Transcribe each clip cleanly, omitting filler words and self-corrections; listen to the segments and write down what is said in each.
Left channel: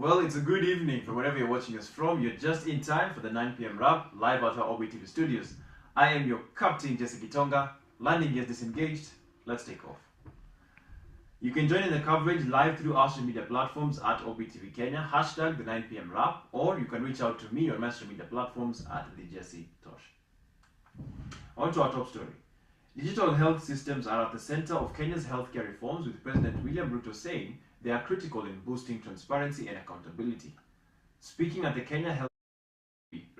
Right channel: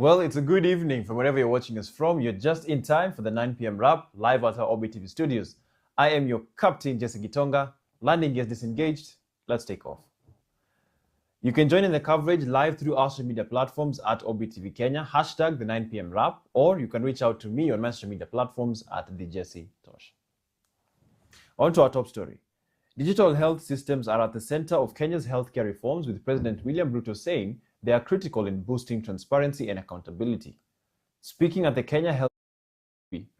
Well, it's a good evening from wherever you're watching us from. You're just in time for the 9 p.m. wrap live at our Orbit TV studios. I am your captain, Jesse Gitonga. Landing gear disengaged. Let's take off. You can join in the coverage live through our social media platforms at Orbit TV Kenya, hashtag the 9 p.m. wrap, or you can reach out to me on my social media platforms at the Jesse Tosh. On to our top story. Digital health systems are at the center of Kenya's healthcare reforms, with President William Ruto saying they are critical in boosting transparency and accountability. Speaking at the Kenya Health,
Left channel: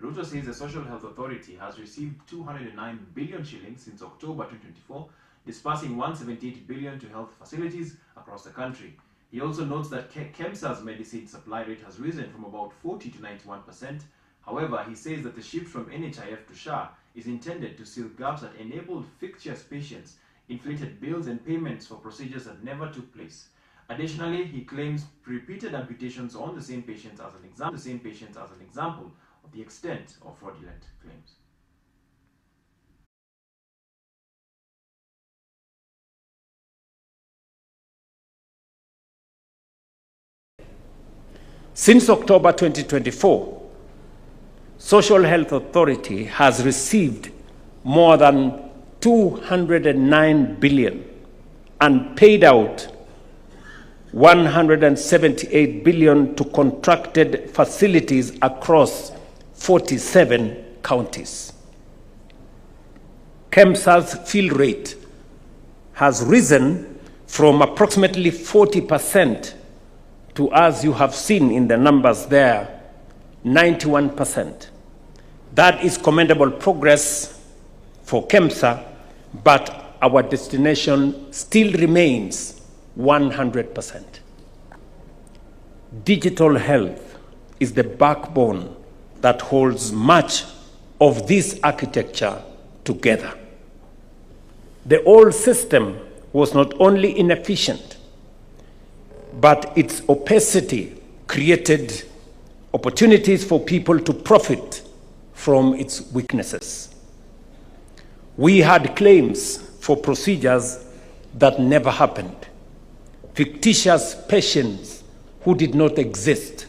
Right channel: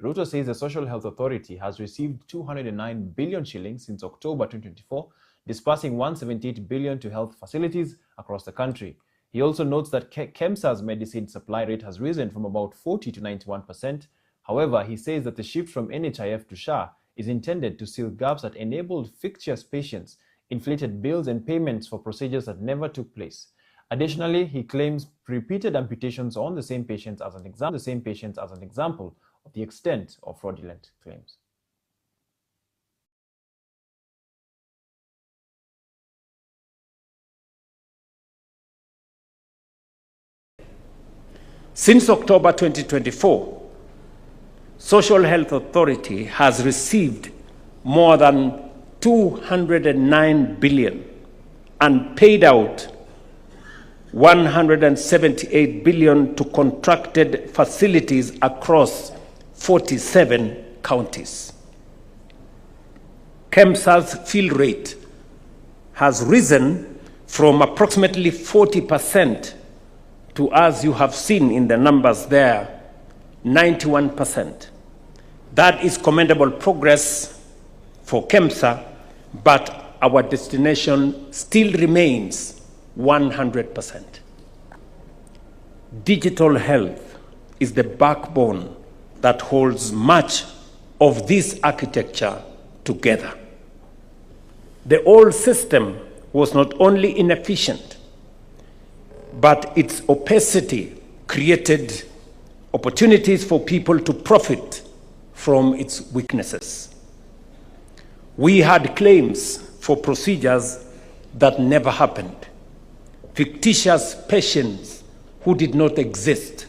Ruto says the Social Health Authority has received 209 billion shillings since October 2024, dispersing 178 billion to health facilities across the country. He also notes that KEMSA's medicine supply rate has risen from about 40 to 91%. However, he says that the shift from NHIF to SHA is intended to seal gaps that enabled fictitious patients, inflated bills and payments for procedures that never took place. Additionally, he claims repeated amputations on the same patients as an example of the extent of fraudulent claims. Since October 2024, Social Health Authority has received more than 209 billion and paid out 178 billion to contracted facilities across 47 counties. KEMSA's fill rate has risen from approximately 40% to, as you have seen in the numbers there, 91%. That is commendable progress for KEMSA, but our destination still remains 100%. Digital health is the backbone that holds much of this architecture together. The old system was not only inefficient, but its opacity created opportunities for people to profit from its weaknesses. We had claims for procedures that never happened, fictitious patients who did not exist,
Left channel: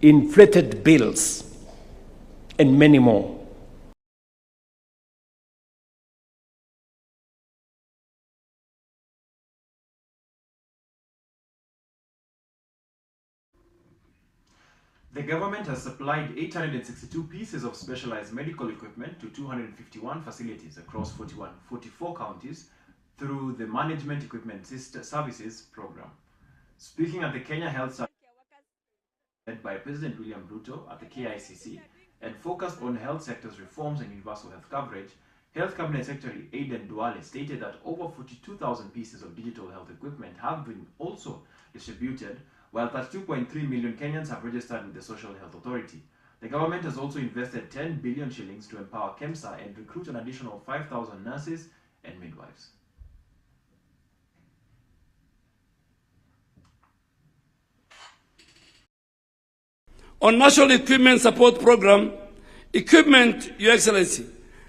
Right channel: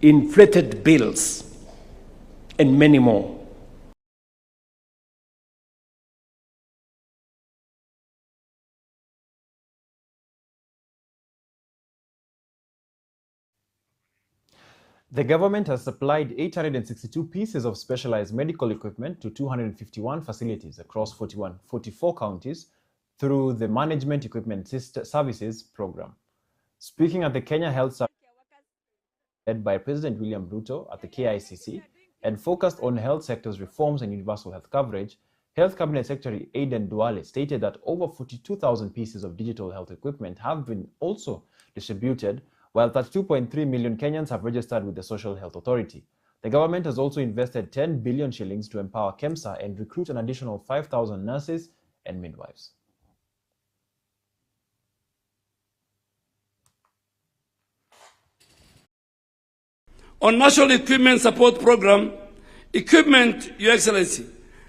inflated bills, and many more. The government has supplied 862 pieces of specialized medical equipment to 251 facilities across 44 counties through the Management Equipment Services Program. Speaking at the Kenya Health Summit led by President William Ruto at the KICC and focused on health sector's reforms and universal health coverage, Health Cabinet Secretary Aden Duale stated that over 42,000 pieces of digital health equipment have been also distributed, while 32.3 million Kenyans have registered with the Social Health Authority. The government has also invested 10 billion shillings to empower KEMSA and recruit an additional 5,000 nurses and midwives. On National Equipment Support Program, equipment, Your Excellency,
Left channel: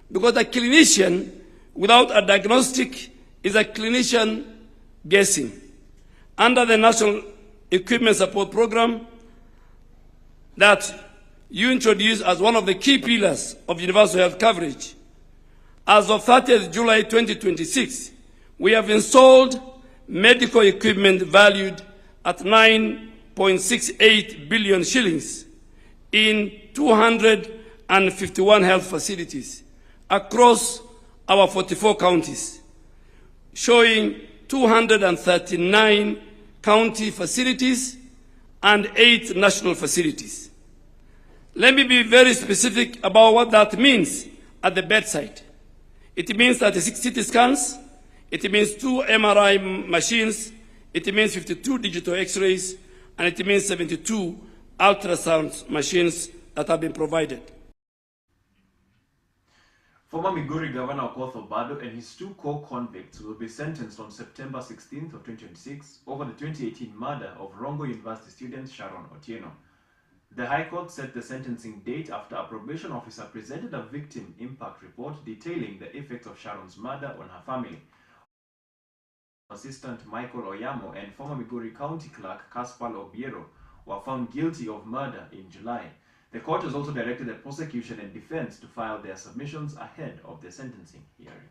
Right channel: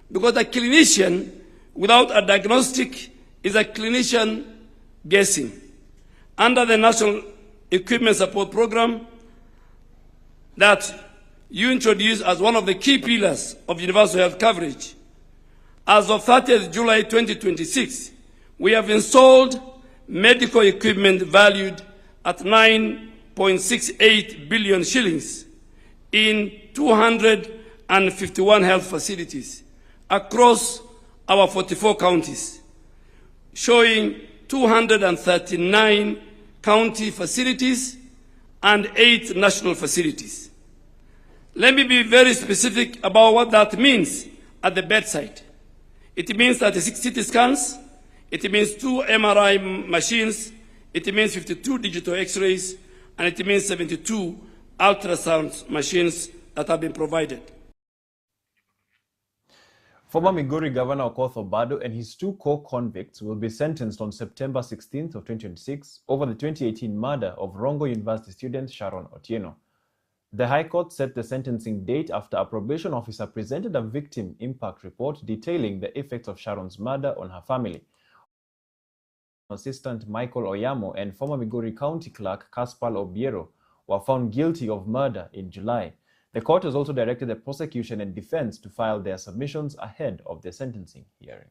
because a clinician without a diagnostic is a clinician guessing. Under the National Equipment Support Program that you introduced as one of the key pillars of universal health coverage, as of 30th July 2026, we have installed medical equipment valued at 9.68 billion shillings in 251 health facilities across our 44 counties, showing 239 county facilities and 8 national facilities. Let me be very specific about what that means at the bedside. It means 36 CT scans, it means 2 MRI machines, it means 52 digital X-rays, and it means 72 ultrasound machines that have been provided. Former Migori Governor Okoth Obado and his 2 co-convicts will be sentenced on September 16th of 2026 over the 2018 murder of Rongo University student Sharon Otieno. The High Court set the sentencing date after a probation officer presented a victim impact report detailing the effects of Sharon's murder on her family. Assistant Michael Oyamo and former Migori County Clerk Kaspal Obiero were found guilty of murder in July. The court has also directed the prosecution and defense to file their submissions ahead of the sentencing hearing.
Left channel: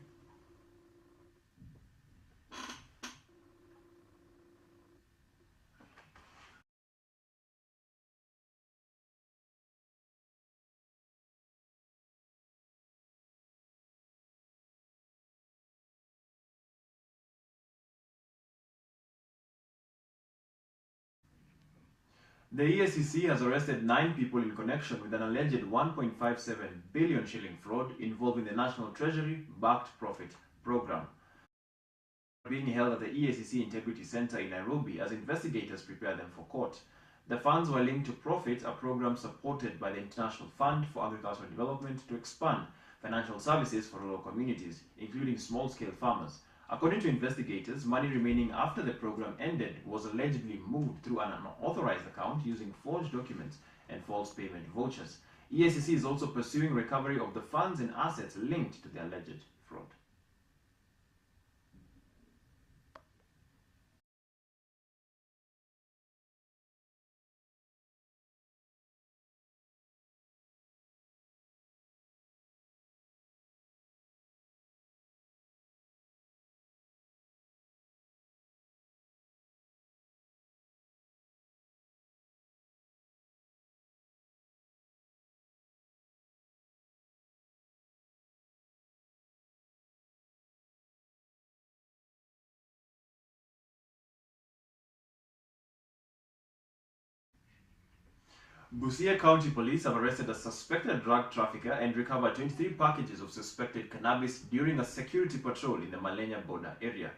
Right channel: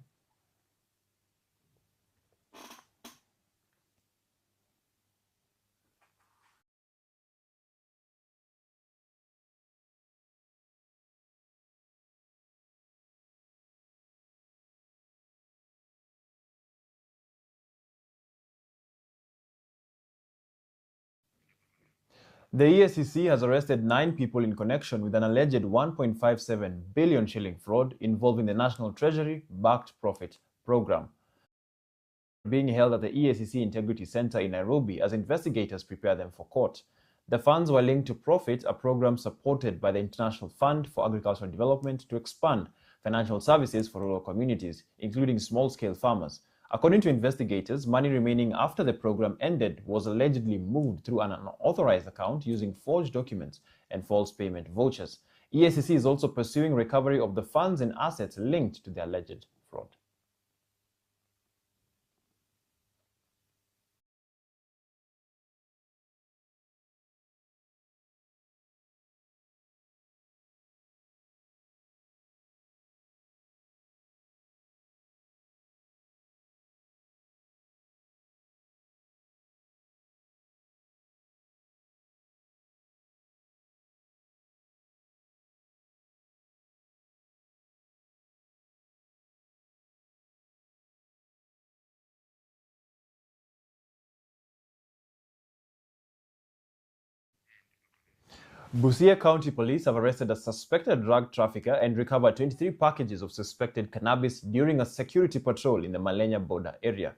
The EACC has arrested 9 people in connection with an alleged 1.57 billion shilling fraud involving the National Treasury Backed Profit Program, being held at the EACC Integrity Center in Nairobi as investigators prepare them for court. The funds were linked to Profit, a program supported by the International Fund for Agricultural Development to expand financial services for rural communities, including small-scale farmers. According to investigators, money remaining after the program ended was allegedly moved through an unauthorized account using forged documents and false payment vouchers. EACC is also pursuing recovery of the funds and assets linked to the alleged fraud. Busia County Police have arrested a suspected drug trafficker and recovered 23 packages of suspected cannabis during a security patrol in the Malenya border area.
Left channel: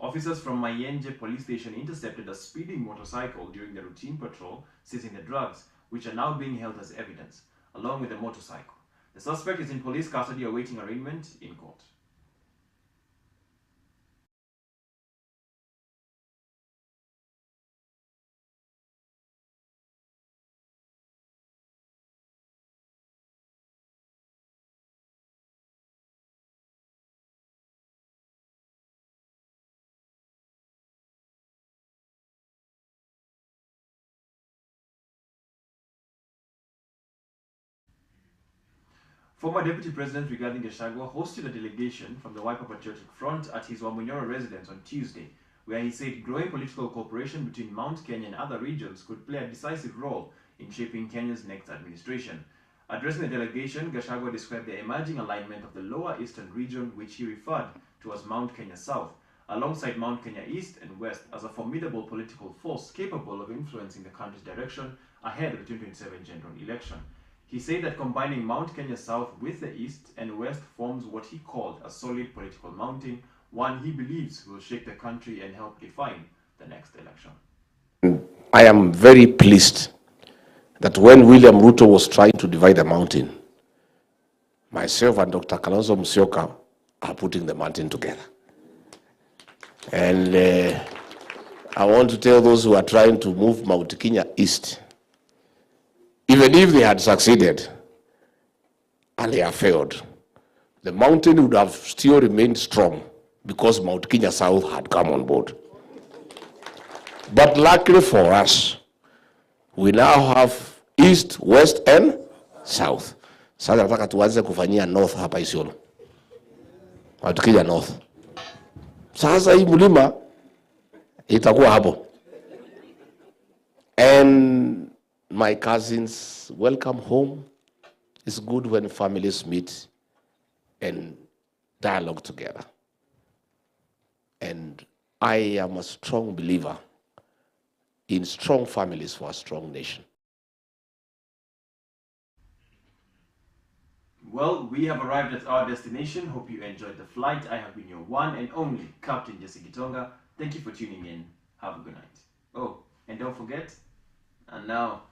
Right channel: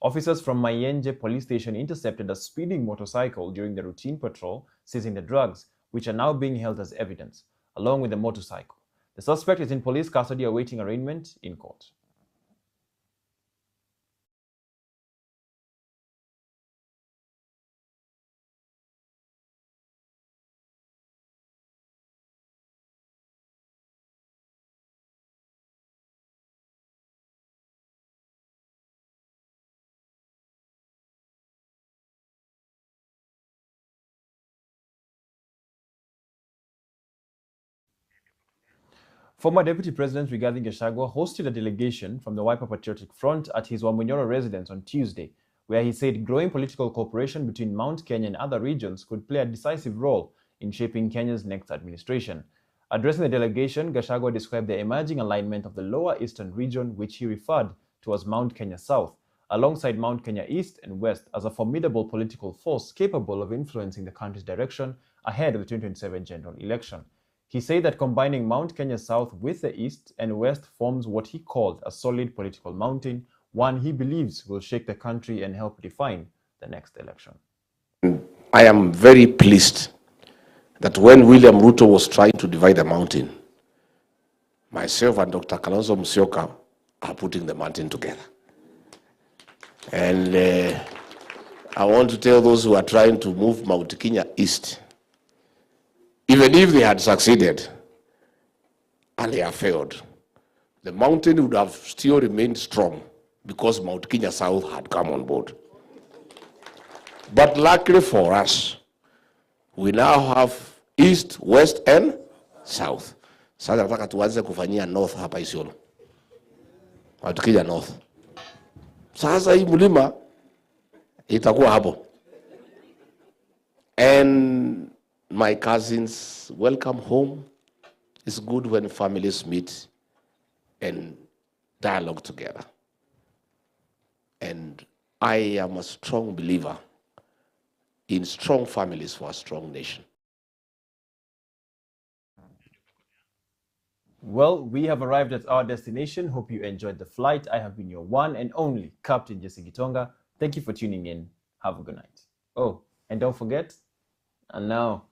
Officers from Mayenje Police Station intercepted a speeding motorcycle during the routine patrol, seizing the drugs, which are now being held as evidence, along with the motorcycle. The suspect is in police custody awaiting arraignment in court. Former Deputy President Rigathi Gachagua hosted a delegation from the Wiper Patriotic Front at his Wamunyoro residence on Tuesday, where he said growing political cooperation between Mount Kenya and other regions could play a decisive role in shaping Kenya's next administration. Addressing the delegation, Gachagua described the emerging alignment of the Lower Eastern region, which he referred to as Mount Kenya South, alongside Mount Kenya East and West, as a formidable political force capable of influencing the country's direction ahead of the 2027 general election. He said that combining Mount Kenya South with the East and West forms what he called a solid political mountain, one he believes will shake the country and help define the next election. I am very pleased that when William Ruto was trying to divide the mountain, myself and Dr. Kalonzo Musyoka are putting the mountain together. And I want to tell those who are trying to move Mount Kenya East, even if they had succeeded and they have failed, the mountain would have still remained strong because Mount Kenya South had come on board. But luckily for us, we now have East, West, and South. Sasa nataka tuanze kufanyia North hapa Isiolo. Mount Kenya North. Sasa hii mlima itakuwa hapo. And my cousins, welcome home. It's good when families meet and dialogue together. And I am a strong believer in strong families for a strong nation. Well, we have arrived at our destination. Hope you enjoyed the flight. I have been your one and only Captain Jesse Gitonga. Thank you for tuning in. Have a good night. Oh, and don't forget, and now